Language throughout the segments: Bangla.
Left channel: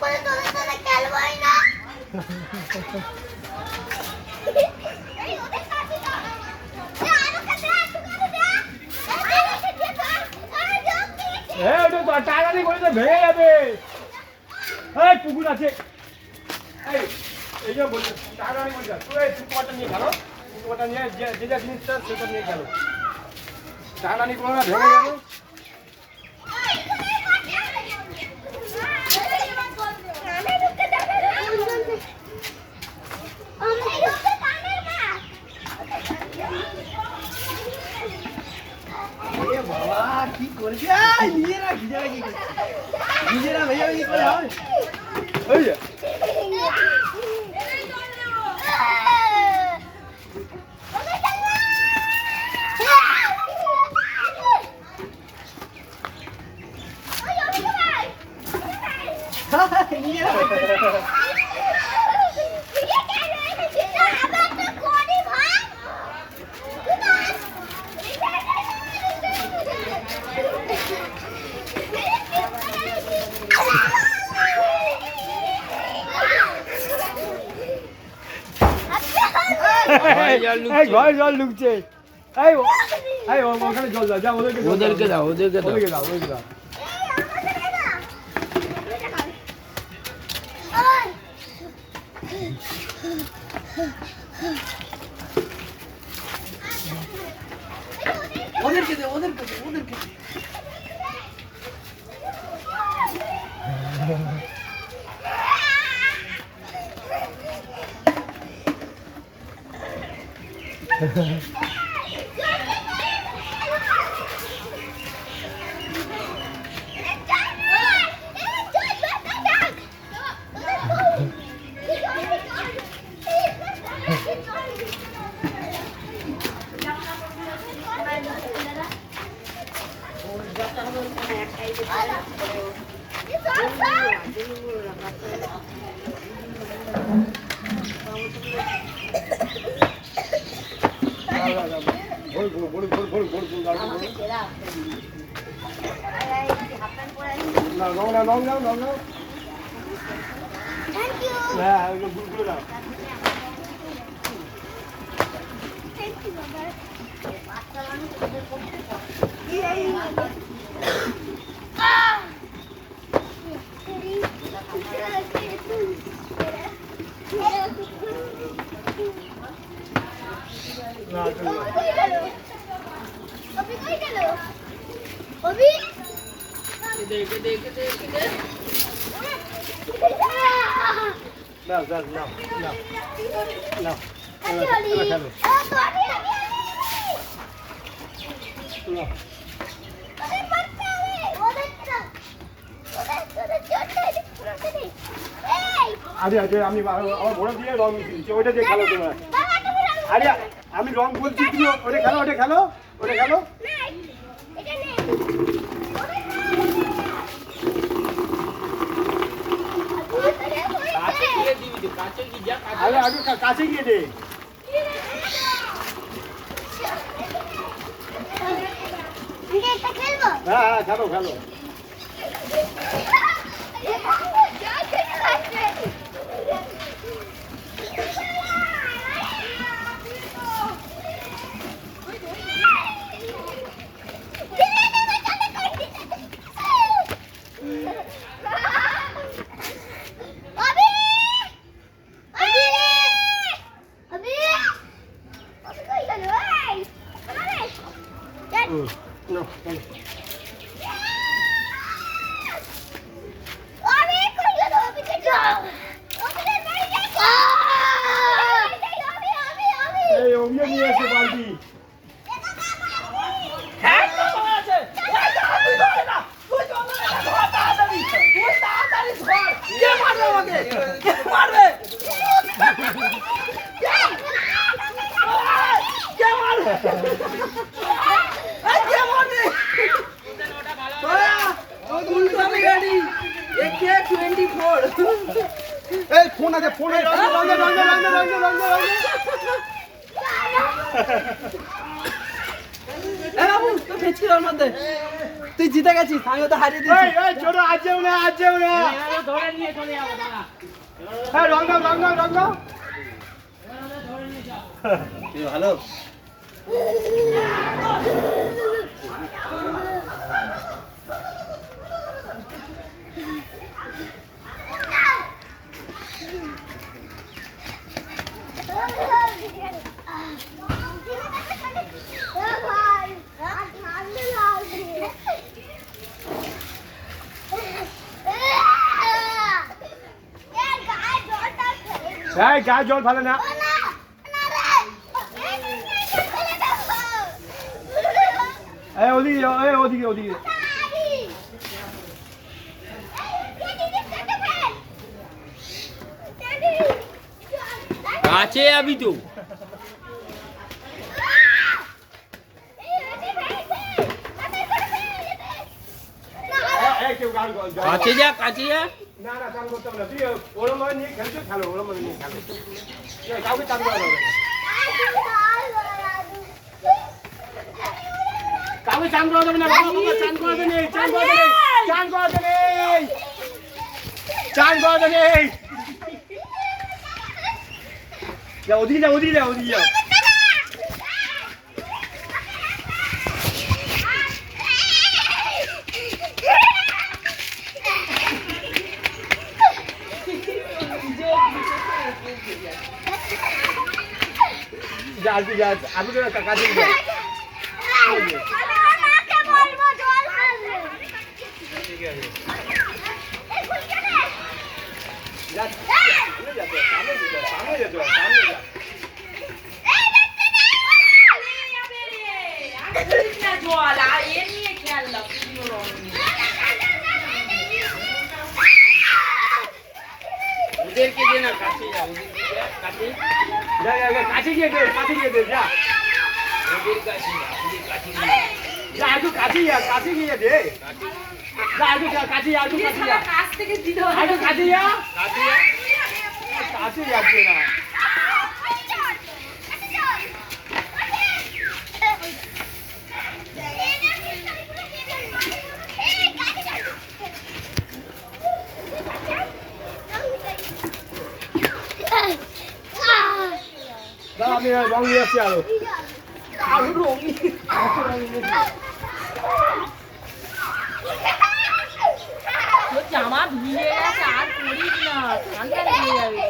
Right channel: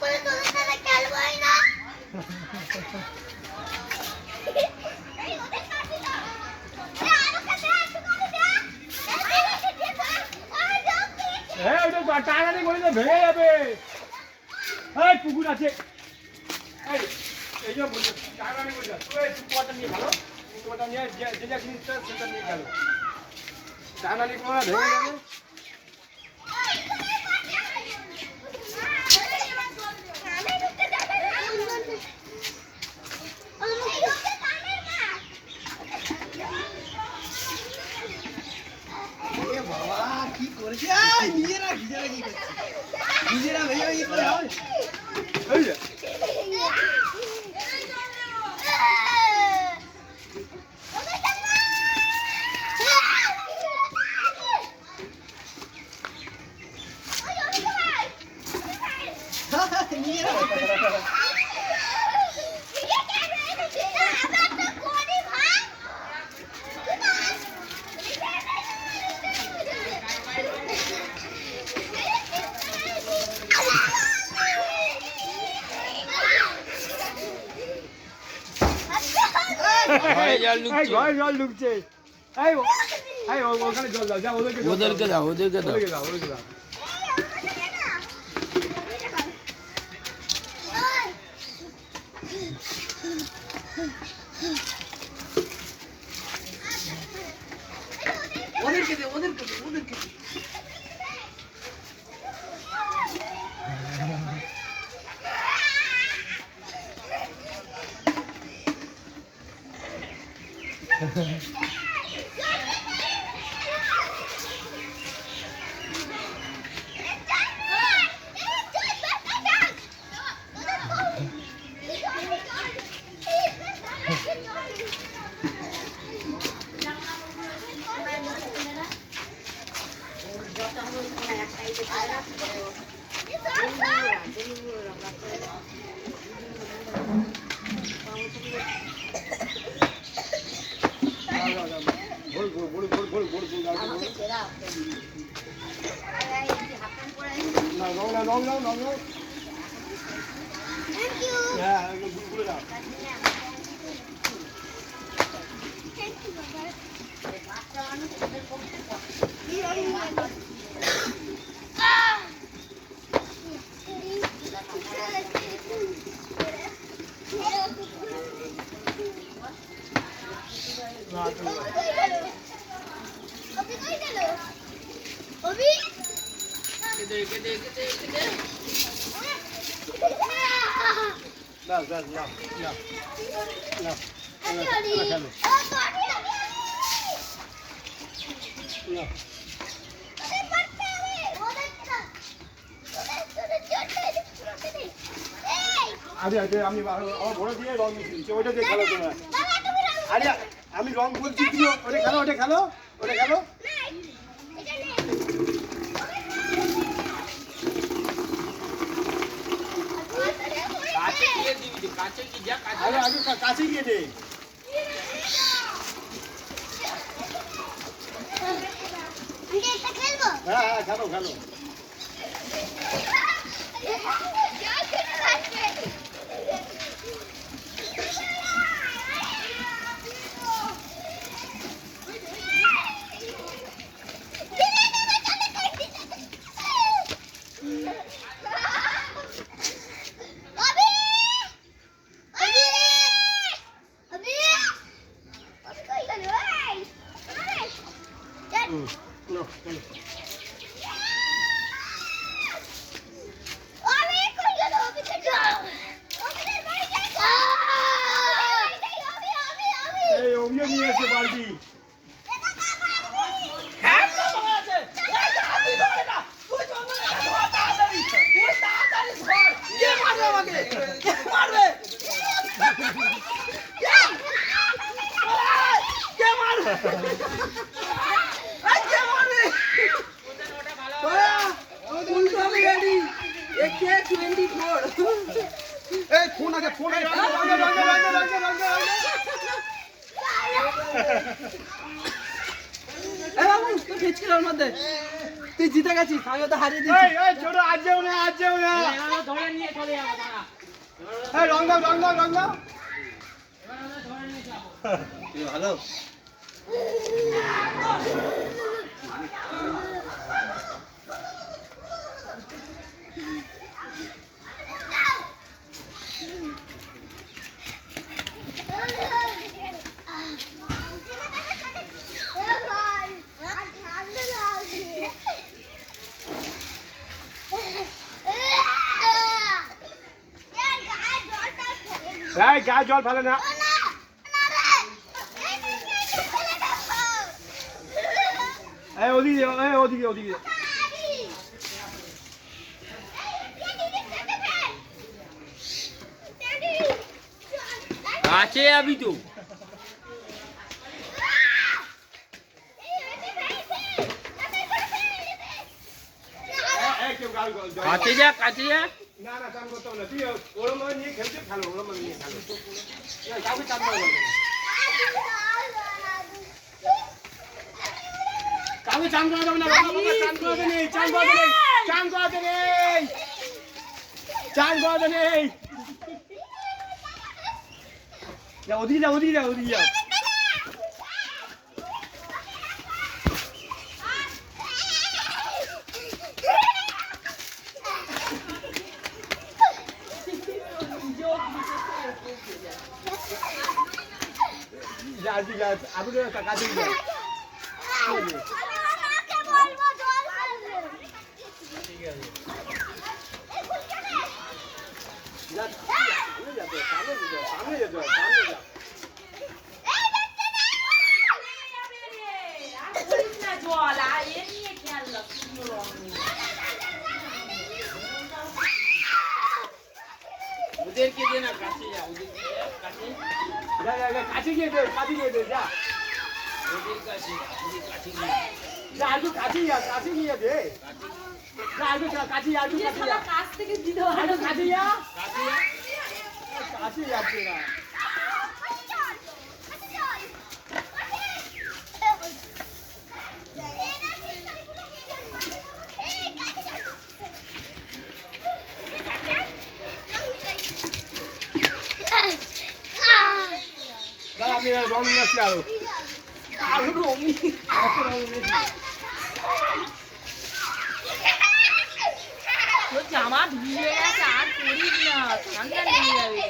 করে তোদের সাথে খেলবই না। এই ওদের কাছে না। আরো কাছে ওটা টানানি করে ভেঙে যাবে। এই পুকুর আছে, এই যে বলছে টানানি বলছে তুই পুকুরটা নিয়ে গেল, পুকুরটা নিয়ে যে যা জিনিসটা সেটা নিয়ে গেল, টানানি করে ভেঙে যাবে। বাবা কি করেছে নিজেরা নিজেরা ভেবে কি করে হয় ওই যে নিজেরা জল ঢুকছে। ওখানে জল দাও, ওদেরকে দাও। ওদেরকে আমি আমার ঘোড়া দিয়ে রং মিশিয়েছি, ওইটা দিয়ে খেলো তোমরা। আরে আমি রং বলছি, তুমি ওটা খেলো। আরে আমি কাছে গিয়ে দে। হ্যাঁ খেলো। ফোন আছে বাবু তো ভেজকির মধ্যে তুই জিতে গেছিস, আমিও তো হারিয়ে এই দিয়েছি। এই ছোট আজ যাবে না, আজ যাবে না। ধরে নিয়ে চলে যাবো দাঁড়া। এই রং দাও, রং দাও, রং দাও। ধরে নিয়ে যাও। তুই ভালো। এই গায়ে জল ফেলে না। এই ওদিকে যাও, এই ওদিকে, ওদিকে। কাছে যাবি তো। এই কেউ গায়ে জল। কাছে যা, কাছে যা। না না, চান করতে হবে না। তুই ওরম ভাবে নিয়ে খেলছো, খেলো, ওরম ভাবে নিয়ে খেলো। না, কাউকে চান করা যাবে না। কাউকে চান করা যাবে না, কাউকে চান করাতে নেই, চান করাতে নেই, চান করাতে নেই, চান করাতে নেই। যা ওদিকে যা, ওদিকে যা, ওদিকে যা। যা, আর কি যা, আমি তো কাছে যা। যা, সামনে যা, সামনে যা, সামনে যা, সামনে যা। জল আর এ নিয়ে খেললাম রং নিয়ে। ওদেরকে দে না, কাছে যা, ওদেরকে যা, কাছে। যা, যা, যা, কাছে গিয়ে দে, কাছে গিয়ে দে, যা। ওদের কাছে যা, ওদের কাছে যা। যা, একটু কাছে যা, কাছে গিয়ে দে। যা, একটু যা, কাছে যা, একটু কাছে যা। কাছ থেকে দিতে হবে। একটু কাছে যা। কাছে যা। কাছে যাচ্ছে না। দাও, আমি রং নিয়ে আসছি আরো। আরো রঙিন। তোর জামা ভিজে গেছে, আর করিস না, ঠান্ডা লেগে যাবে।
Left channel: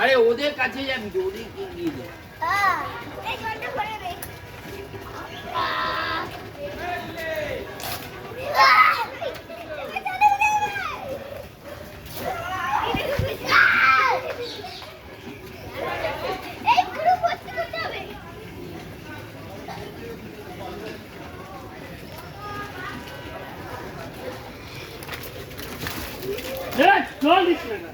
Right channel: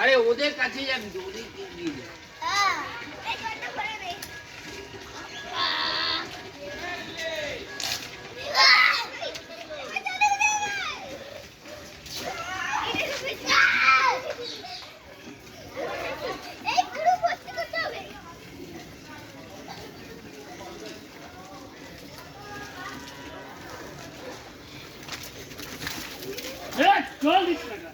আরে ওদের কাছে যাবি তো, ওদের কি দিয়ে দে। জল দিস না।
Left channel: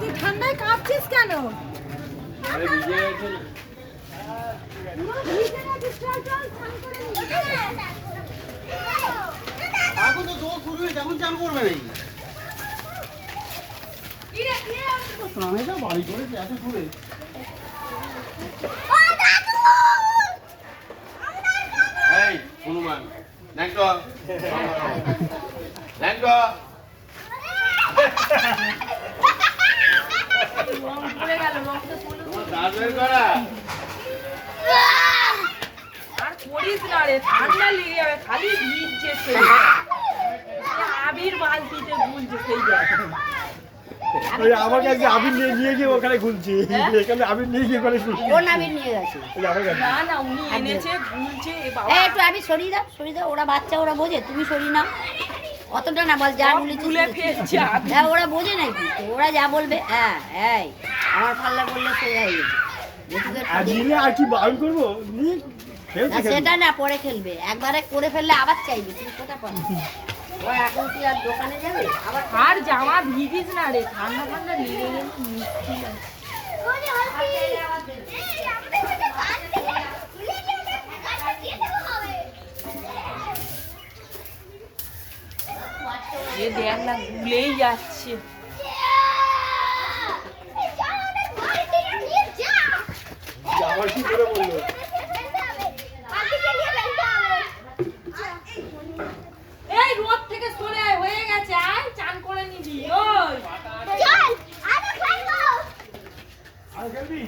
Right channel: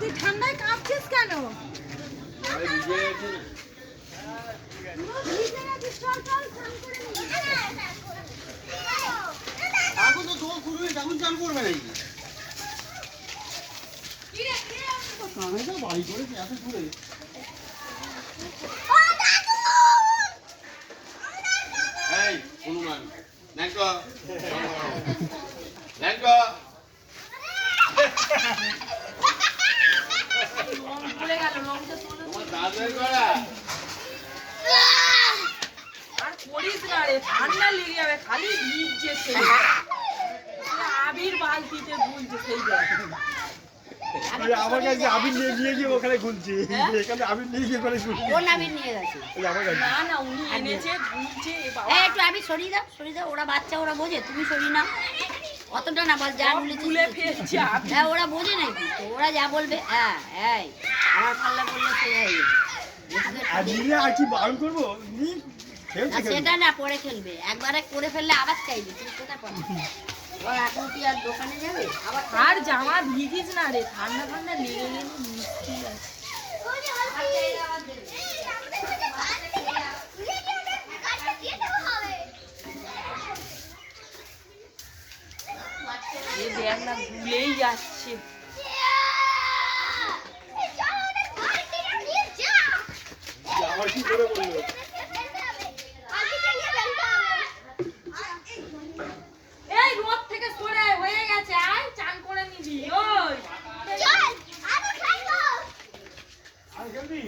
তুই ঠান্ডায় কাঁপছিস কেন? আরে ভিজে গেছে না। এখন তো জল শুরু হয়েছে, এখন চান করবে নাকি? প্রাণীটা বাড়ি করেছে এত দূরে। এই হনুমান ল্যাংটো ল্যাংটো তোমার দাদুর করা আর করিস না রে, ঠান্ডা লেগে যাবে, খালি ভিজছে সেই আবির বালতিতে গুলছে সেই জায়গায়। ওই আমার কাছে আবির নিয়ে গিয়ে ওখানে গুলছি। এখানে আবির নিয়ে গিয়ে ওখানে গুলছি। কোন আবির নিয়ে গেছে? ওই আমার কাছে। না না, উনি এনেছে গুলছে এ বাবা। এই একটু আবির সরিয়ে দাও, ওরা বাচ্চা, ওরা বোঝে, তুমি সরিয়ে নাও। অতটা না, বল যা বলেছি তুলে ফেলছে আবির। হ্যাঁ, ওরা বোঝে নাকি তো, ওরা যা বলবে। হ্যাঁ, এই আমার পাল্লা বললে তো যাই আর নিলে আর কি বারণ করবো? নিয়ে খেলছে, খেলছে। সেটা না, পরে খেলবে, একবারে করে ফেললে আবার চাইবে, তুমি কোথায় পারো? ওরা এখন কি আর দোকানে যাবে আবার? আর জামা ভিজিস না রে, ঠান্ডা ঠান্ডা লেগে গেলে মুশকিল আছে। দেখ না গুলেই যাচ্ছে। আমার কি করে বললো এই রোদ থেকে সরে আয়, হয়ে গেছে, আয় চান করে নিবি। ওই আর জলদি